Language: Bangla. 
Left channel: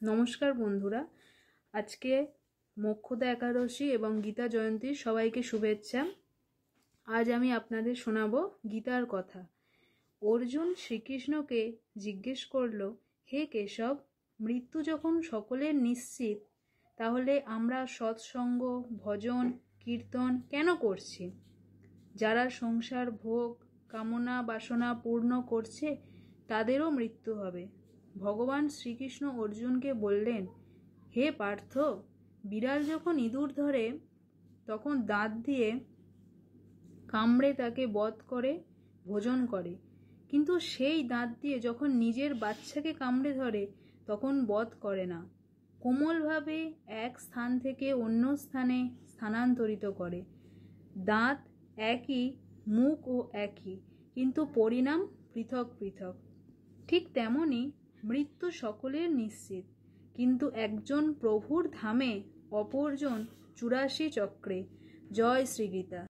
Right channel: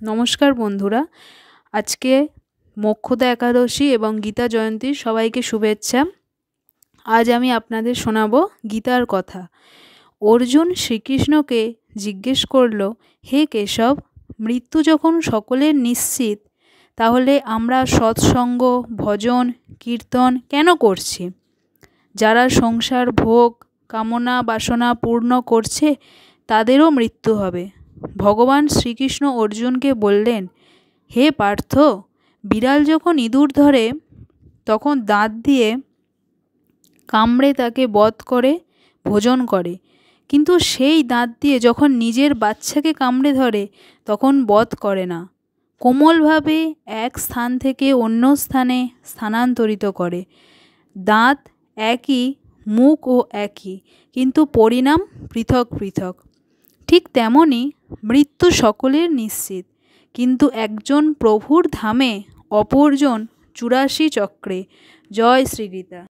নমস্কার বন্ধুরা, আজকে মোক্ষদা একাদশী এবং গীতা জয়ন্তীর সবাইকে শুভেচ্ছা। আজ আমি আপনাদের শোনাবো গীতার কথা। অর্জুন শ্রীকৃষ্ণকে জিজ্ঞেস করল, হে কেশব, মৃত্যু যখন সকলের নিশ্চিত, তাহলে আমরা সৎসঙ্গ, ভজন, কীর্তন কেন করছি? যারা সংসার ভোগ, কামনা, বাসনা পূর্ণ করছে তাদেরও মৃত্যু হবে। ভগবান শ্রীকৃষ্ণ অর্জুনকে বললেন, হে পার্থ, বিড়াল যখন ইঁদুর ধরে তখন দাঁত দিয়ে কামড়ে তাকে বধ করে ভোজন করে, কিন্তু সেই দাঁত দিয়ে যখন নিজের বাচ্চাকে কামড়ে ধরে তখন বধ করে না, কোমলভাবে এক স্থান থেকে অন্য স্থানে স্থানান্তরিত করে। দাঁত একই, মুখও একই, কিন্তু পরিণাম পৃথক পৃথক। ঠিক তেমনি মৃত্যু সকলের নিশ্চিত, কিন্তু একজন প্রভুর ধামে, অপরজন ৮৪ চক্রে। জয় শ্রীগীতা।